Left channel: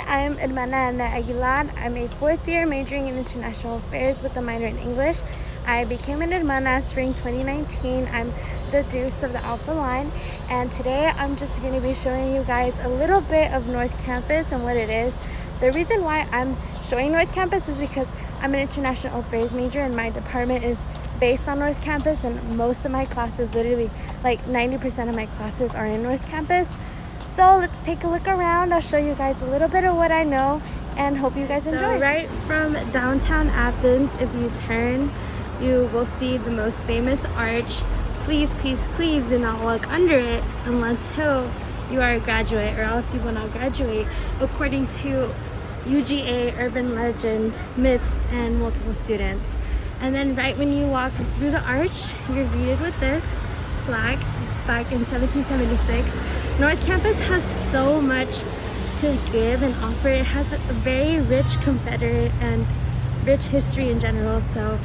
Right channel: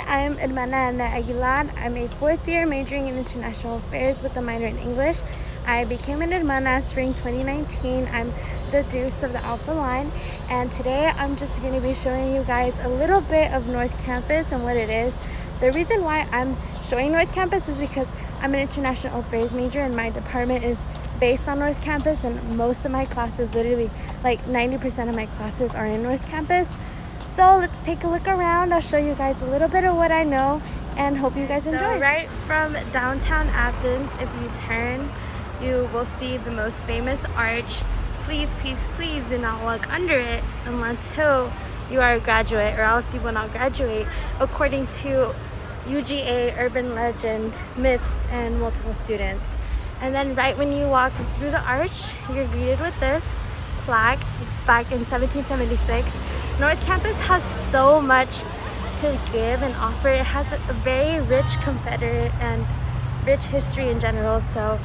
everyone, I'm Annette Aguilar. I'm a fourth year majoring in international affairs with a minor in English. I became an hermana spring 2019. I'm the deuce of the Alpha line, and today I'm just going to be showing you guys a little bit of North Campus and what it is. The reason why I'm showing North Campus is because I'm an international affairs major and my department is based on North Campus, and most of my classes, literally like 90% of my classes, are in North Campus. So let's take a look around. I'll show you guys a little bit of what I know and hope you guys enjoy. So right from downtown Athens, if you turn, you will see the most famous arch. Please, please, please do not walk under it until you are a graduate, or else you will not graduate, according to UGA urban legend, myths, and multiple students. And then right when you walk through the arch, you're greeted with this flag back in 1776. North Campus has so much to give and offer. It has a very rich Confederate and rich history in general, so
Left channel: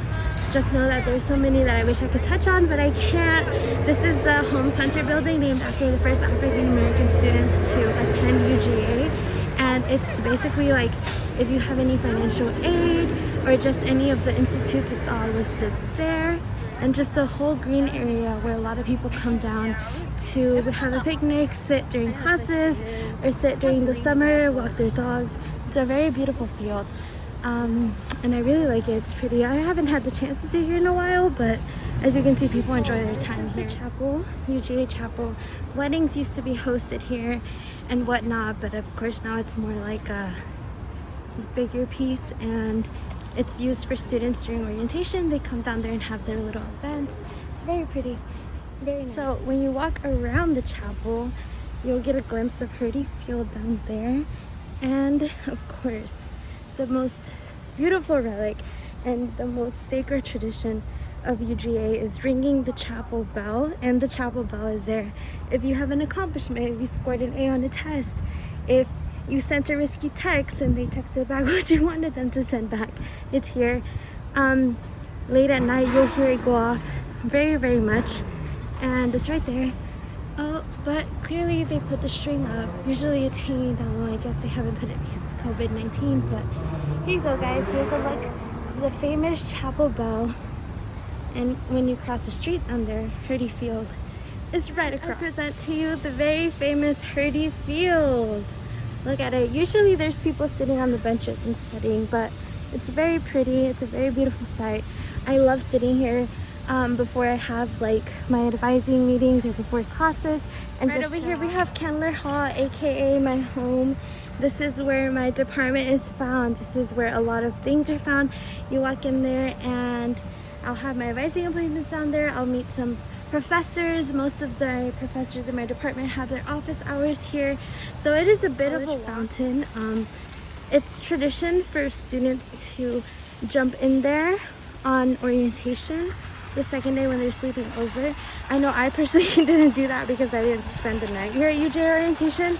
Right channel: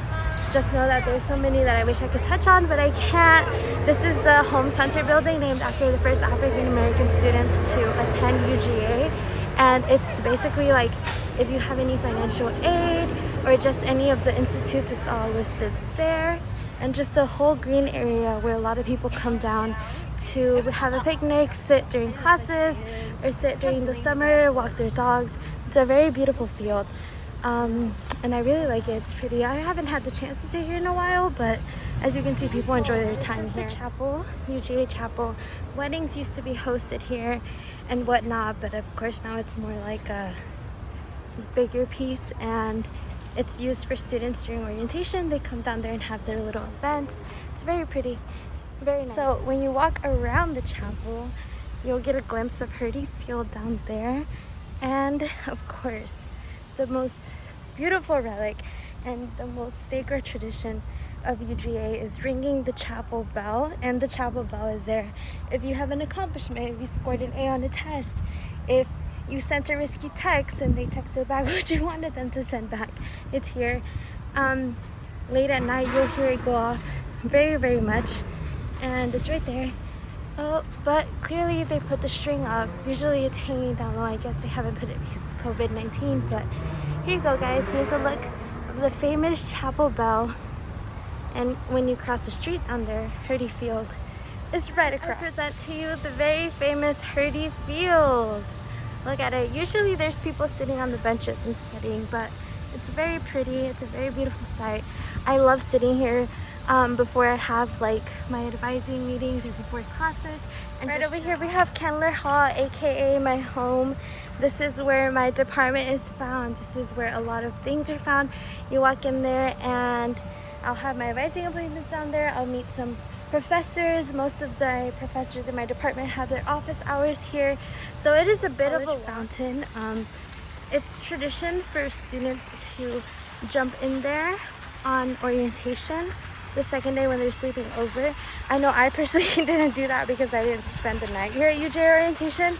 just know that there's so many that I wish I could touch on, but I can't. This is the Holmes Hunter building, named after the first African American students to attend UGA, and it's basically like if you have any financial aid or just any of the institutes, it's all listed there. And just a whole green area where a lot of people come down to have a picnic, sit during classes, or sit during the summer, walk their dogs. It's a very beautiful field, and I really like it. It's pretty. I haven't had the chance to sit here in a while, but as you can see, people enjoy their time here. The chapel, UGA Chapel. Weddings used to be hosted here and whatnot, but of course now it's more like a bigger piece, and it's used for students during orientation. They come down there and have their little events. It's very pretty, very nice. So when you walk around the chapel, you'll get a glimpse of Hurdy Field down there, and of course the most beautiful relic and the most sacred tradition of UGA is ringing the chapel bell. And the chapel bell is there if you have an accomplishment, if you scored an A on a test, if you sent a risky text and they texted back what you wanted them to send back. It's here. Late at night you'll hear it go off very, very much, and it's right there. Oh, but clearly they put the string up. Usually it's hanging down low. I guess they haven't put it because of COVID-19, but here you go, guys. Here's a look of the famous chapel bell, and when you cross the street down there, Hurdy Field is right across. I present to you the very famous Hurdy Field. Look at it. Usually there's people sitting on the benches and studying, but it's very pretty. It's a very beautiful sight. I love sitting here before I have like my advising meetings or before classes. And right over here we have Kendler Hall, aka my home. This is where my department is found. This is where a lot of things are found. You walk in there and I'll have my advising appointments down there. I'll meet some professors. Most of the professors in my department have their office hours here, so it is a bit of a fountain. It's tradition for students to jump in there on orientation the second day when they're sleeping over. I know I personally didn't do that because I didn't spend the night here at UJ orientation,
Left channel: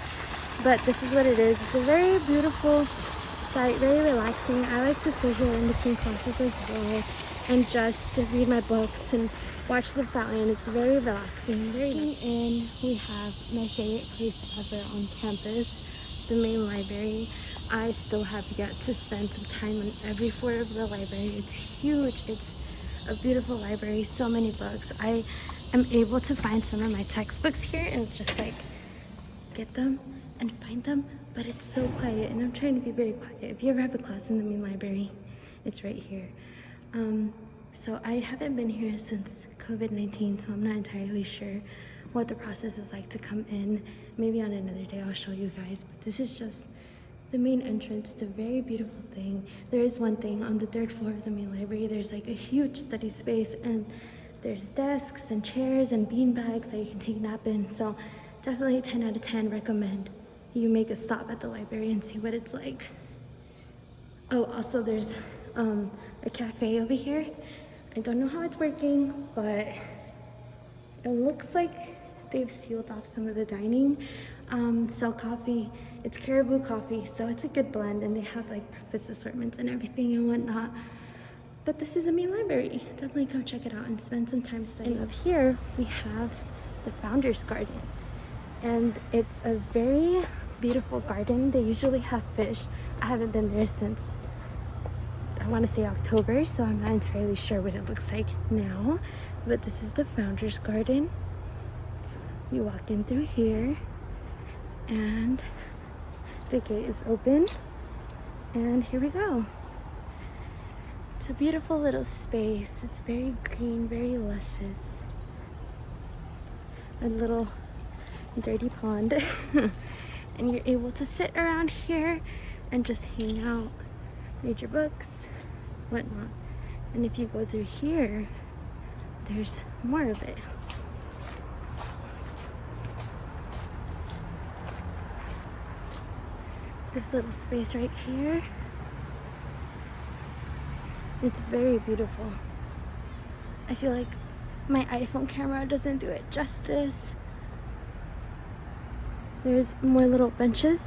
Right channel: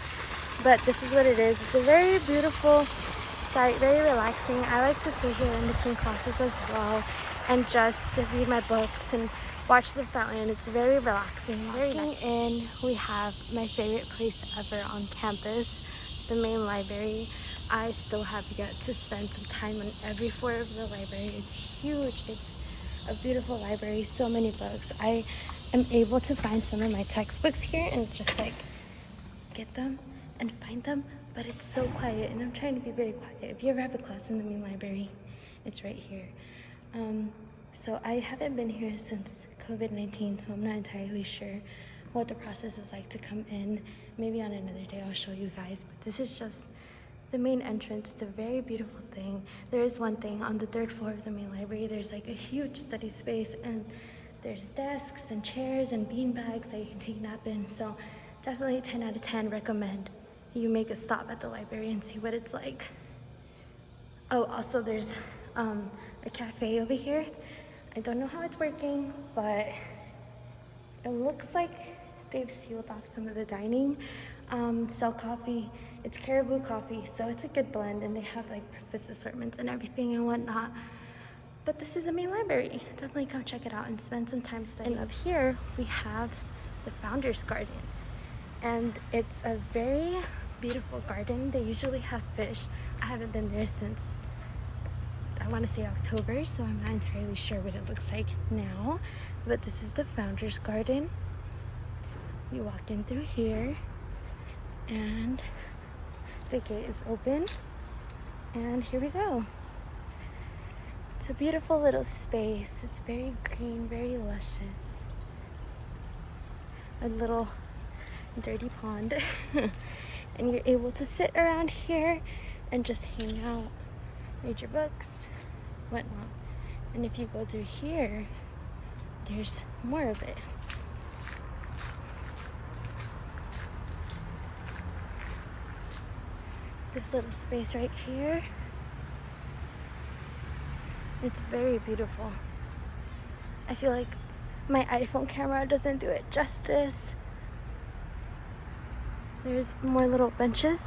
but this is what it is. It's a very beautiful sight, very relaxing. I like to sit here in between classes as well and just to read my books and watch the fountain. It's very relaxing, very nice. And we have my favorite place ever on campus, the main library. I still have yet to spend some time on every floor of the library. It's huge. It's a beautiful library, so many books. I am able to find some of my textbooks here and just like get them and find them, but it's so quiet, and I'm trying to be very quiet. If you ever have a class in the main library, it's right here. So I haven't been here since COVID-19, so I'm not entirely sure what the process is like to come in. Maybe on another day I'll show you guys, but this is just the main entrance. It's a very beautiful thing. There is one thing on the third floor of the main library. There's like a huge study space, and there's desks and chairs and bean bags that you can take a nap in. So definitely 10 out of 10 recommend you make a stop at the library and see what it's like. Oh, also there's a cafe over here. I don't know how it's working, but it looks like they've sealed off some of the dining. Sell coffee. It's Caribou coffee, so it's a good blend, and they have like breakfast assortments and everything and whatnot. But this is the main library. Definitely come check it out and spend some time studying. And up here we have the Founders Garden, and it's a very beautiful garden. They usually have fish. I haven't been there since, I want to say October, so I'm not entirely sure what it looks like now. But this is the founder's garden. You walk in through here and the gate is open, and here we go. It's a beautiful little space. It's very green, very luscious. A little dirty pond. And you're able to sit around here and just hang out, read your books, whatnot. And if you go through here, there's more of it. This little space right here, it's very beautiful. I feel like my iPhone camera doesn't do it justice. There's more little benches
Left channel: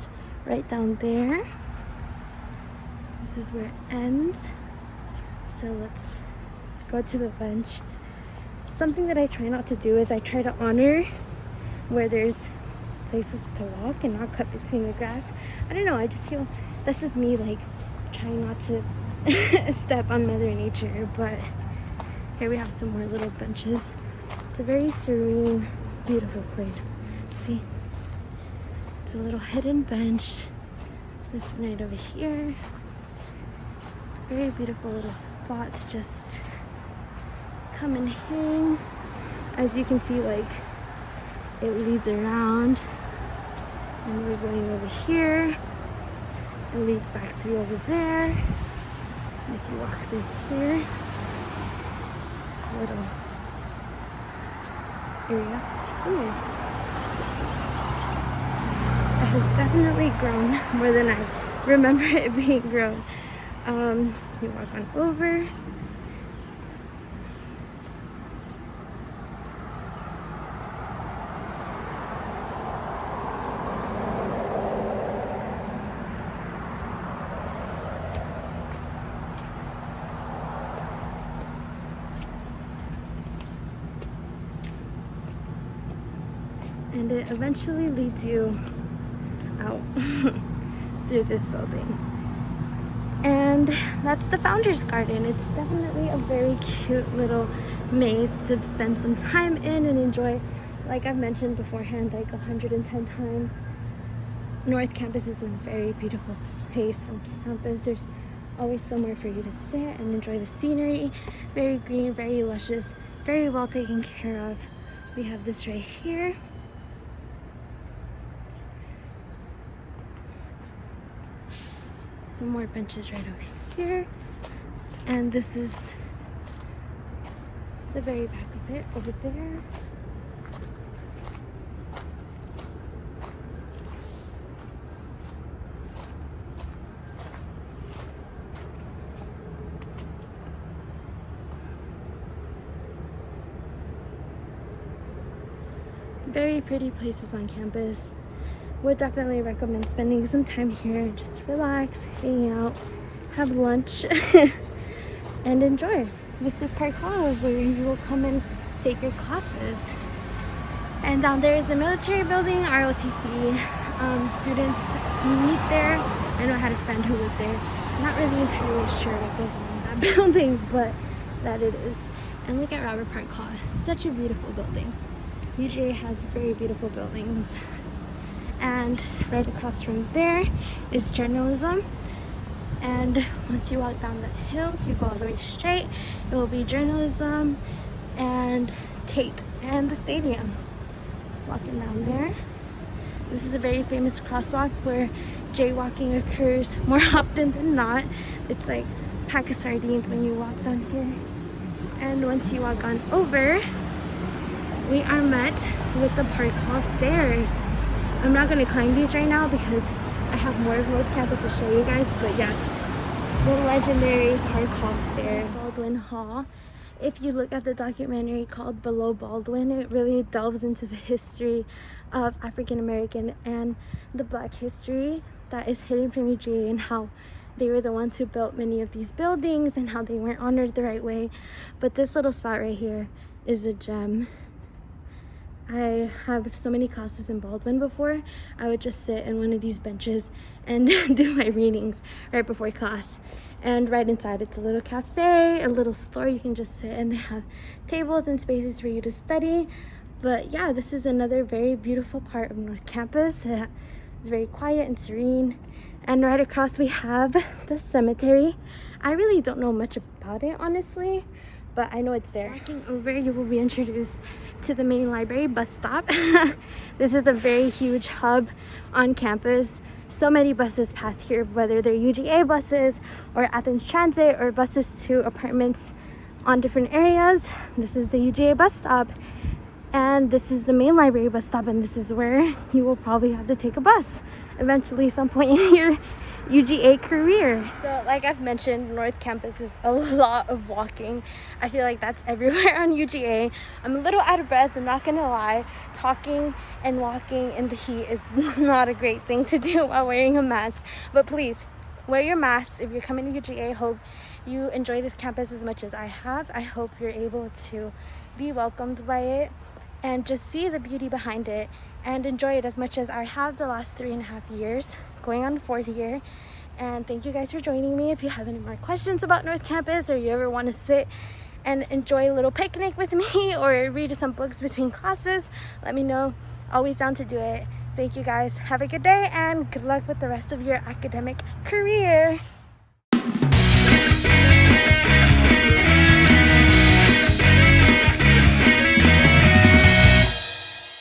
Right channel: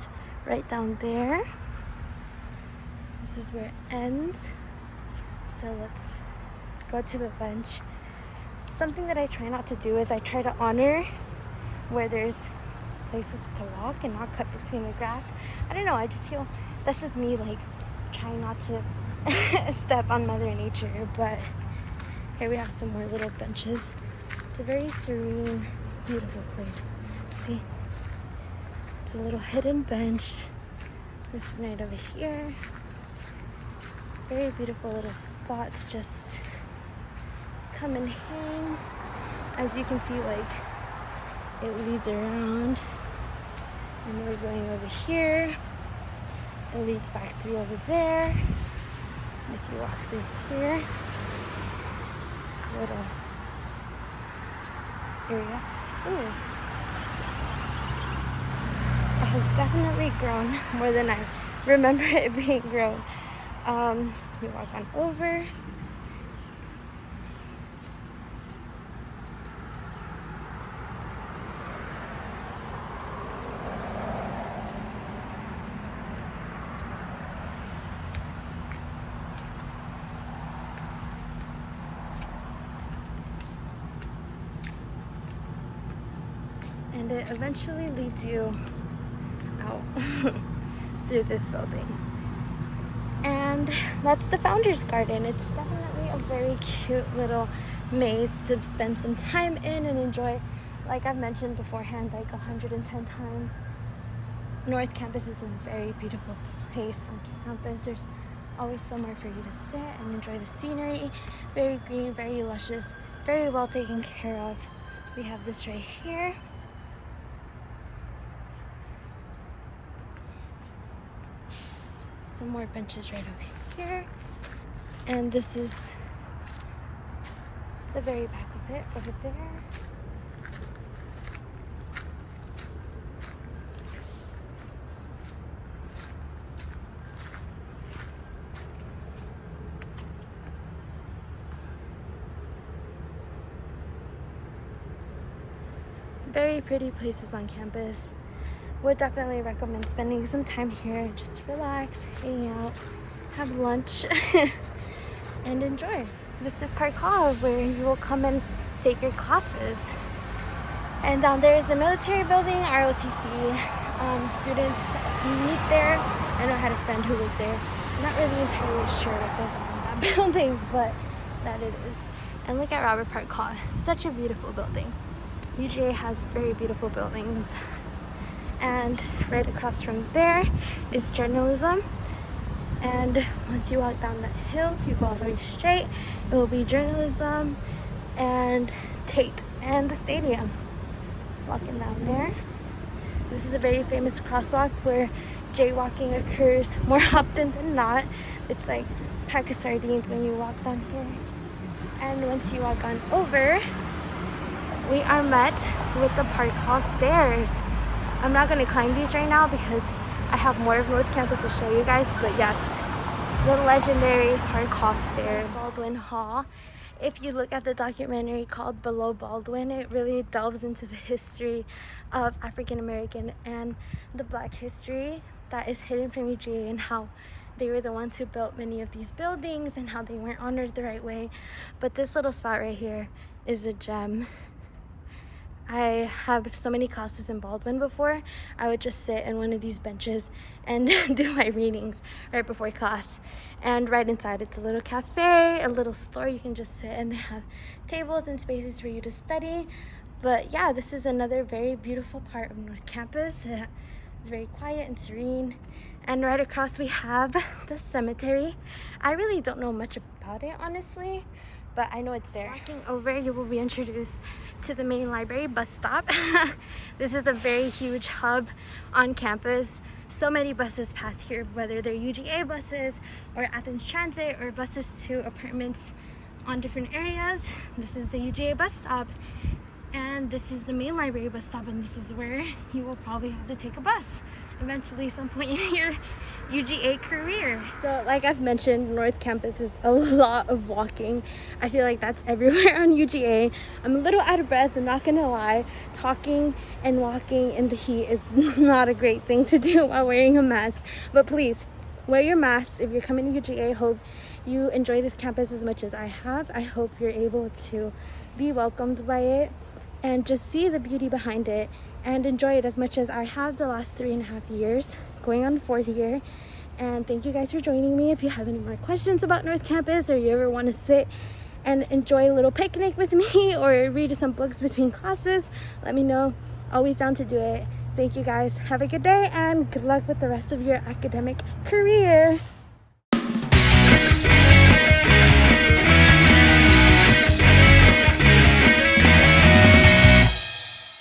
right down there. This is where it ends. So let's go to the bench. Something that I try not to do is I try to honor where there's places to walk and not cut between the grass. I don't know, I just feel that's just me, like trying not to step on Mother Nature. But here we have some more little benches. It's a very serene, beautiful place. See, it's a little hidden bench. This one right over here. Very beautiful little spot to just come and hang. As you can see, like it leads around. And we're going over here. It leads back through over there. And if you walk through here, this little area. Ooh. It has definitely grown more than I remember it being grown. You walk on over. And it eventually leads you out through this building. And that's the Founder's Garden. It's definitely a very cute little maze to spend some time in and enjoy. Like I've mentioned beforehand, like 110 times, North Campus is a very beautiful place on campus. There's always somewhere for you to sit and enjoy the scenery. Very green, very luscious, very well taken care of. We have this right here. Some more benches right over here, and this is the very back of it over there. Very pretty places on campus. Would definitely recommend spending some time here just to relax, hang out, have lunch, and enjoy. This is Park Hall, where you will come and take your classes. And down there is the military building, ROTC. Students meet there. I know I had a friend who was there. I'm not really entirely sure what goes on in that building, but that it is. And look at Robert Park Hall. Such a beautiful building. UGA has very beautiful buildings. And right across from there is journalism. And once you walk down that hill, if you go all the way straight, it will be journalism and Tate and the stadium. Walking down there. This is a very famous crosswalk where jaywalking occurs more often than not. It's like a pack of sardines when you walk down here. And once you walk on over, we are met with the Park Hall stairs. I'm not going to climb these right now because I have more of North Campus to show you guys, but yes, the legendary Park Hall stairs. Baldwin Hall. If you look at the documentary called Below Baldwin, it really delves into the history of African American and the Black history that is hidden from UGA, and how they were the ones who built many of these buildings and how they weren't honored the right way. But this little spot right here is a gem. I have so many classes in Baldwin before. I would just sit in one of these benches and do my readings right before class. And right inside it's a little cafe, a little store you can just sit, and they have tables and spaces for you to study. But yeah, this is another very beautiful part of North Campus. It's very quiet and serene. And right across we have the cemetery. I really don't know much about it, honestly, but I know it's there. Walking over, you will be introduced to the main library bus stop. This is a very huge hub on campus. So many buses pass here, whether they're UGA buses or Athens Transit or buses to apartments on different areas. This is the UGA bus stop, and this is the main library bus stop, and this is where you will probably have to take a bus eventually some point in your UGA career. So like I've mentioned, North Campus is a lot of walking. I feel like that's everywhere on UGA. I'm a little out of breath, I'm not gonna lie. Talking and walking in the heat is not a great thing to do while wearing a mask, but please wear your mask if you're coming to UGA. Hope you enjoy this campus as much as I have. I hope you're able to be welcomed by it and just see the beauty behind it and enjoy it as much as I have the last 3.5 years, going on 4th year. And thank you guys for joining me. If you have any more questions about North Campus, or you ever want to sit and enjoy a little picnic with me or read some books between classes, let me know. Always down to do it. Thank you guys. Have a good day and good luck with the rest of your academic career.